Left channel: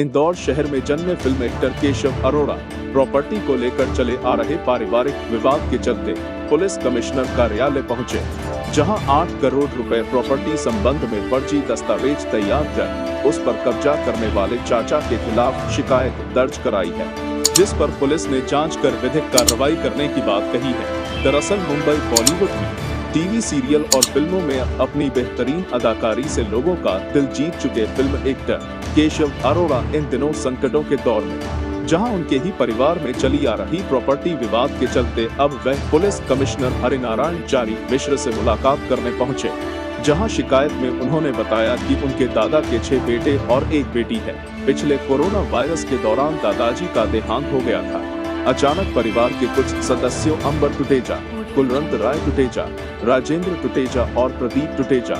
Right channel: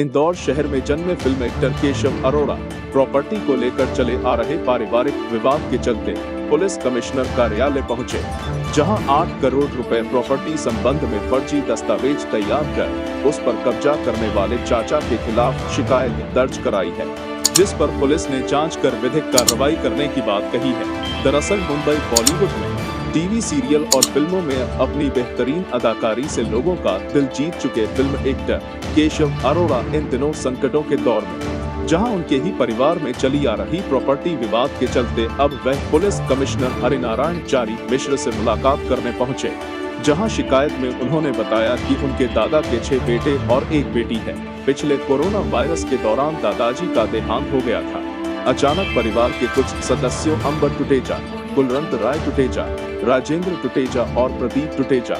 इंदौर शहर में जन्मे film actor Keshav Arora property को लेकर चले आ रहे पारिवारिक विवाद के चलते पुलिस कमिश्नर कार्यालय पहुंचे, जहां 8 करोड़ रुपए प्रॉपर्टी संबंध में फर्जी दस्तावेज तैयार कर उस पर कब्जा करने वाले चाचा के खिलाफ शिकायत दर्ज कराई है, जिस पर पुलिस ने जांच कर विधिक कार्रवाई करने की बात कही है। दरअसल मुंबई बॉलीवुड में टीवी सीरियल और फिल्मों में अपनी बेहतरीन अदाकारी से लोगों का दिल जीत चुके फिल्म एक्टर केशव अरोड़ा इन दिनों संकटों के दौर में, जहां उनके ही परिवार में चली आ रही प्रॉपर्टी विवाद के चलते अब वह पुलिस कमिश्नर हरिनारायण चारी मिश्र से मुलाकात करने पहुंचे, जहां शिकायत में उन्होंने बताया कि उनके दादा के 6 बेटे और 1 बेटी है। पिछले कोरोना वायरस के दौरान दादाजी का देहांत हो गया था। अचानक परिवार के कुछ सदस्यों अंबर टुटेजा, कुलवंत राय टुटेजा, राजेंद्र टुटेजा और प्रदीप टुटेजा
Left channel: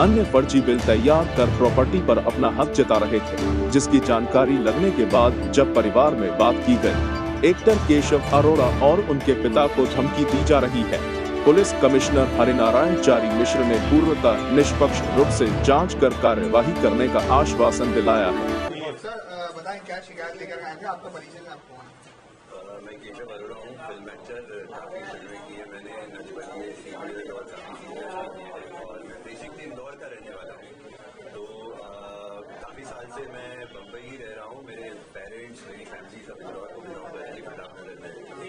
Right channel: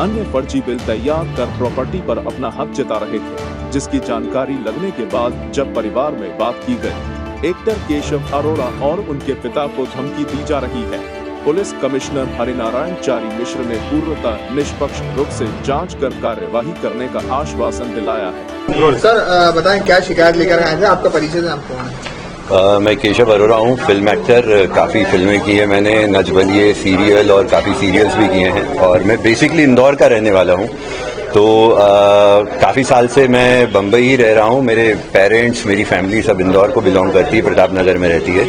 अन्य फर्जी बिल तैयार कर प्रॉपर्टी पर अपना हक जता रहे थे, जिसकी जानकारी लगने के बाद जब परिवार में बात की गई, एक्टर केशव अरोड़ा और उनके पिता को धमकी दी जा रही है। पुलिस कमिश्नर हरिनारायण चारी मिश्र ने पूर्णतः निष्पक्ष रूप से जांच कर कार्यवाही करने का आश्वासन दिलाया है। सर बताएं, क्या शिकायत लेकर आए थे? आपका परिचय दें, आप कौन हैं? मैं केशव अरोड़ा हूँ, फिल्म एक्टर। काफ़ी फिल्में की है मैंने, नच बलिए सीरियल और काफ़ी सीरियल्स भी किए हैं, और मैं बेसिकली इंदौर का रहने वाला हूँ। तो काफ़ी साल से मैं बम्बई ही रह रहा हूँ। मेरे पेरेंट्स, मेरी फैमिली सब इंदौर को बिलोंग करती है, प्रताप नगर में रहती है।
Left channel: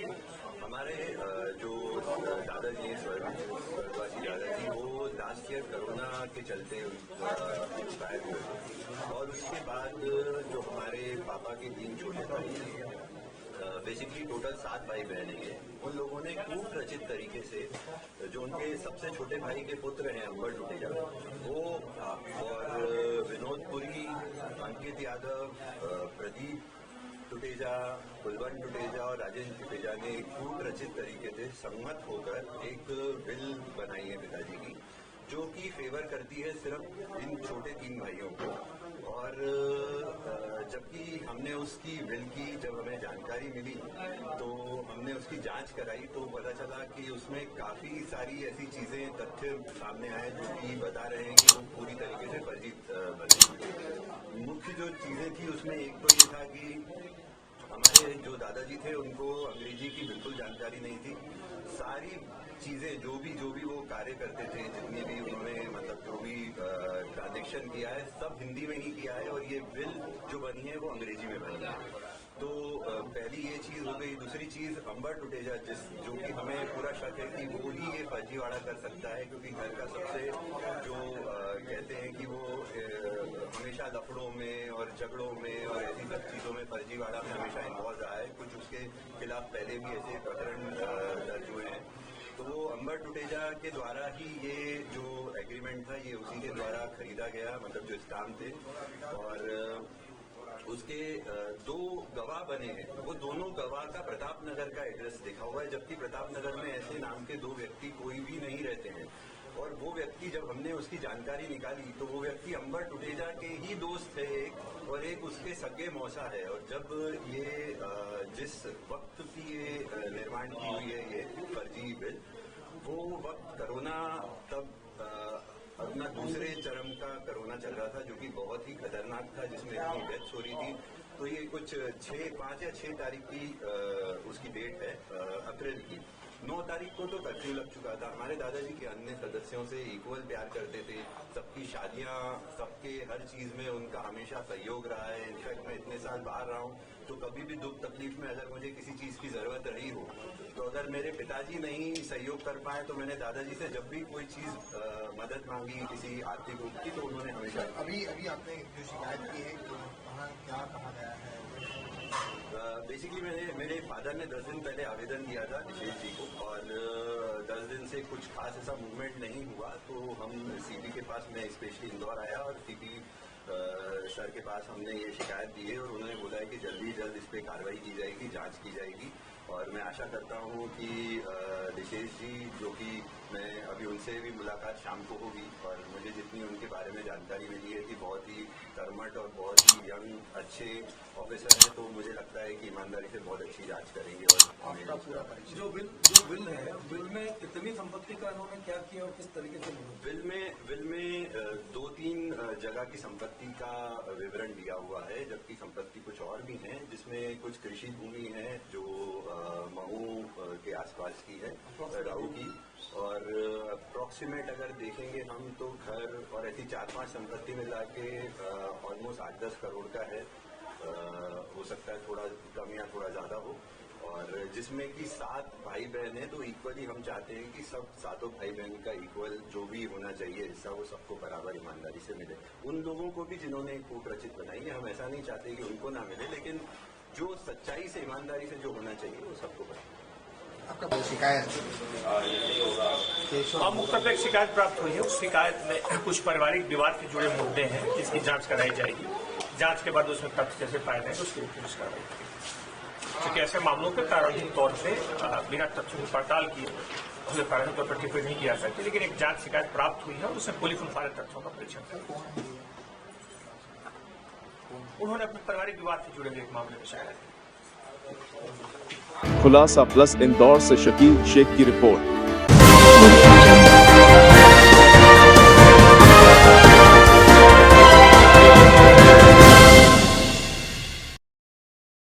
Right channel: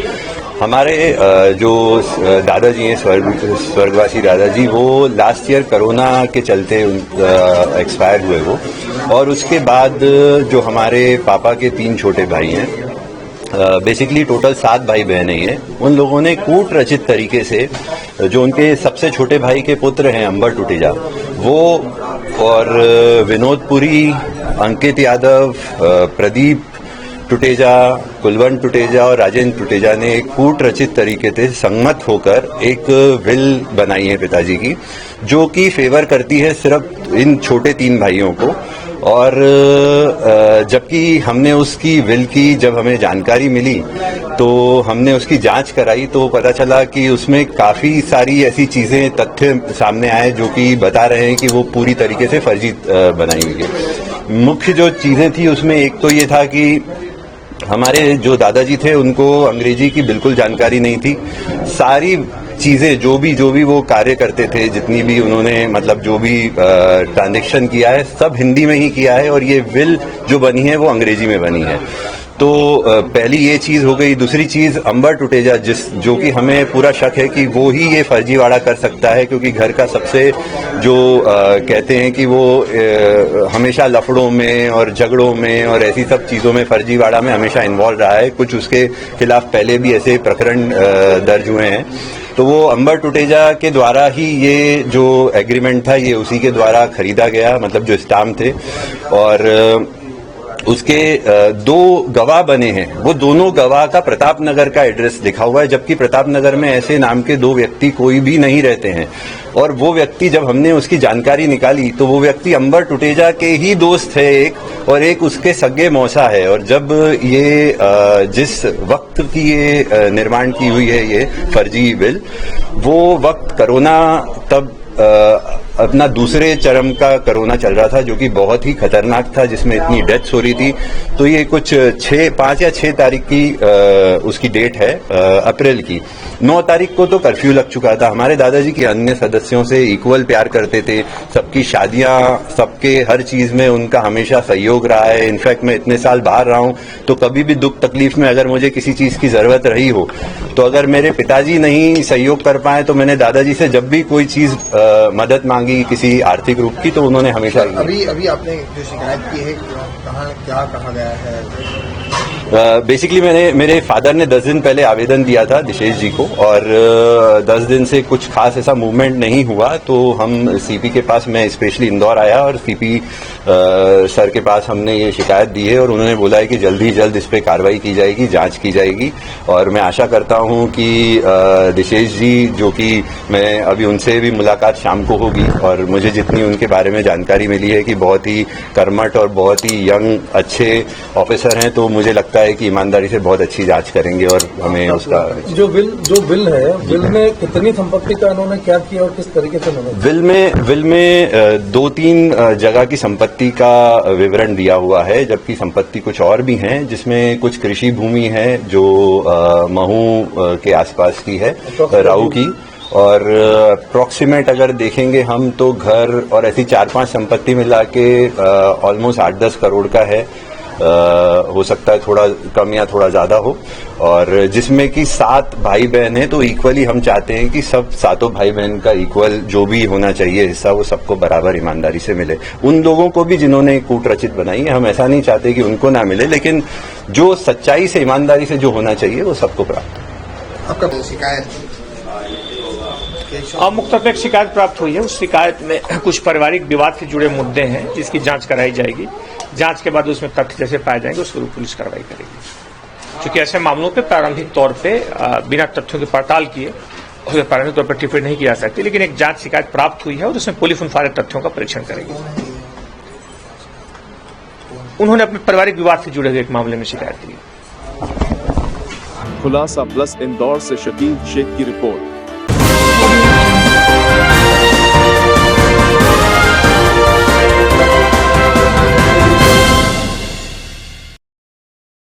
हमारे जो दादाजी हैं, स्वर्गवासी दादाजी, वो लास्ट ईयर कोरोना के चलते एक्सपायर हुए वो, और उसके बाद जो हमारे पापा के 3 छोटे भाई हैं, बेसिकली टोटल 7 भाई बहन हैं, उन लोगों ने कूट रचित तरीके से जो उनके सबसे छोटे भाई के पुत्र हैं अंबर टुटेजा, वो और विनोद पुरी, अंकित यादव, प्रदीप टुटेजा, कुलवंत टुटेजा और राजेंद्र टुटेजा ने एक कूट रचित तरीके से संगमत होकर एक विल बनाई है पिताजी की, जो कि फेवर करती है सिर्फ इन छोटे 3 भाइयों को। और जबकि हमने उसकी विल की जब हमें जानकारी मिली तो हमने उसकी जांच कराई, तो पता चला कि उसमें काफ़ी सारी ऐसी चीज़ें, तथ्य सामने आए जो कि बता रहे हैं कि वो पूरी तरीके से फर्जी बनाई हुई है। मुख्य जो चीज़ें थी उसमें एक तो ये था कि हमारे जो दादाजी थे उनको अंग्रेजी की बिल्कुल जानकारी नहीं थी। सारी चीजें जो भी वो कार्य करते थे, जितनी भी उन्होंने मतलब जो भी ट्रांजैक्शन किया है, सब हिंदी में ही किया है, और ये विल जो बनी है वो अंग्रेजी में बनी है। तो पहली ये चीज हो गई। दूसरी चीज, अंबर टुटेजा जो कि हमें पूरा शक है कि वो ही ये फर्जीवाड़ा कर सकता है, क्योंकि घर का सबसे जो कहते हैं कि वो हमेशा लफड़ों में और झगड़ों में और ऐसी सब चीज़ों में, फर्जीवाड़ा में हमेशा इन्वॉल्व रहा है। कुछ उसके खिलाफ पहले भी ऐसे प्रकरण दर्ज हुए हैं। तो वो अंबर टुटेजा के द्वारा ही ये जो एग्रीमेंट था ये उसी के द्वारा खरीदा गया, मतलब जो स्टाम्प थे, और उसके 2 गवाह बने हैं। वो दोनों गवाह का प्रताप नगर का एड्रेस लिखा हुआ है, जबकि प्रताप नगर में ऐसे नाम के 2 व्यक्ति कोई भी नहीं रहते हैं। और वो व्यक्ति, जब हमने उसकी जानकारी निकाली तो वो व्यक्ति अंबर टुटेजा के ही दोस्त है एक, और एक उसके सगे मौसा है। और जब ये जिस वक्त की ये निर्माण की हुई है ये फर्जी बिल, वो वक्त कोरोना तब अपना दूसरे चरम का कोरोना चल रहा था, जो कि बहुत ही खतरनाक था, जिसमें इतनी डेथ्स हो रही थी। तो ये कुछ 5 या 6 तारीख की उसकी डेट है, अप्रैल की। 9 तारीख को तो कर्फ्यू लग चुका था। हमारे दादाजी के अन्य सदस्यों से इक्वल प्यार करते थे, सबकी शादियां, सबके हर चीज में उनका हमेशा सहयोग रहा है। इनफैक्ट मैं इतने साल बाहर रहा हूं तो कभी भी दुख तकलीफ में अगर मुझे किसी चीज की जरूरत रही हो, तो अगर मेरे पिताजी नहीं सहयोग कर पाए तो मैंने दादाजी से जब भी कोई चीज मदद मांगी किसी आर्थिक रूप की, तो उन्होंने हमेशा। अभी आपने जो शिकायत की है, क्या कहा गया है? बेसिकली मेरे फादर ने 10 दिन पहले आवेदन दिया था दिशेश जी को, और 10 दिन से कुछ खास ऐसा मूवमेंट नहीं हुआ। तो हम सीपी के पास, मैं स्पेशली इंदौर आया और सीपी सर के पास हमने ये शिकायत दी है, और उन्होंने बोला है कि जल्द ही जल्द इस पे कार्रवाई की जाएगी, जांच की जाएगी। और मैं आशा करता हूं कि दिशेश जी, जो कि मैं अभी उनसे भी मुलाकात शाम को होगी, और मुझे जितनी उनके बारे में जानकारी मिली है कि बहुत ही कर्मठ और बहुत ही यंग अच्छे ऑफिसर हैं, तो मुझे मुझे लगता है कि ईमानदारी से बहुत अच्छी जांच करेंगे और हमें उसका जो बिल है, बिल में कितनी संपत्ति का इन्होंने क्या किया और किस तरीके से उन्होंने बिल में 2-3 जगह की संपत्ति का विवरण दिया हुआ है, जबकि संपत्ति कुछ और भी हैं, जिसमें कुछ कृषि भूमि है जो महू के आसपास की है, राऊ की, और अप्रॉक्सीमेट अगर देखेंगे हम तो घर और ऐसी 4-5 संपत्ति मिला के ऑलमोस्ट 8-10 करोड़ का है। हो सकता है थोड़ा कम या थोड़ा ज्यादा हो, और जिसमें कि 7 भाई बहन हैं, तो इक्वली हम चाहते हैं कि सब 7 भाई बहन का इक्वल जो भी होना चाहिए हिस्सा वो सबको बराबर ईमानदारी से मिले। उन लोगों को भी जिन्होंने कूट रचित बनाई है, हम ऐसा नहीं चाहते कि उनको ना मिले, लेकिन जो सच्चाई से ईमानदारी से जो होना चाहिए वो सबको प्राप्त हो। आपका शिकायत मुख्य में एक शिकायत प्राप्त हुई है। उस शिकायत में कुछ पारिवारिक विवाद से जुड़े मुद्दे हैं, जिसकी जांच कराई जाएगी। जांच के बाद उसमें तथ्य जैसे पाए जाएंगे उसके ऊपर पुलिस कार्रवाई करेगी। क्योंकि ऐसे मामलों पे प्रारंभिक तौर पे बिना तथ्यों की पड़ताल किए उसे प्रारंभिक तौर पर टिप्पणी नहीं की जा सकती, लेकिन एक जांच शिकायत प्राप्त हुई है और उसमें पुलिस उन सारे तथ्यों का परीक्षण करेगी। उन्होंने अपने पारिवारिक विवाद से जुड़े हुए एक मामले में शिकायत की। खुलासा प्लस इंदौर से शकील शेख की रिपोर्ट।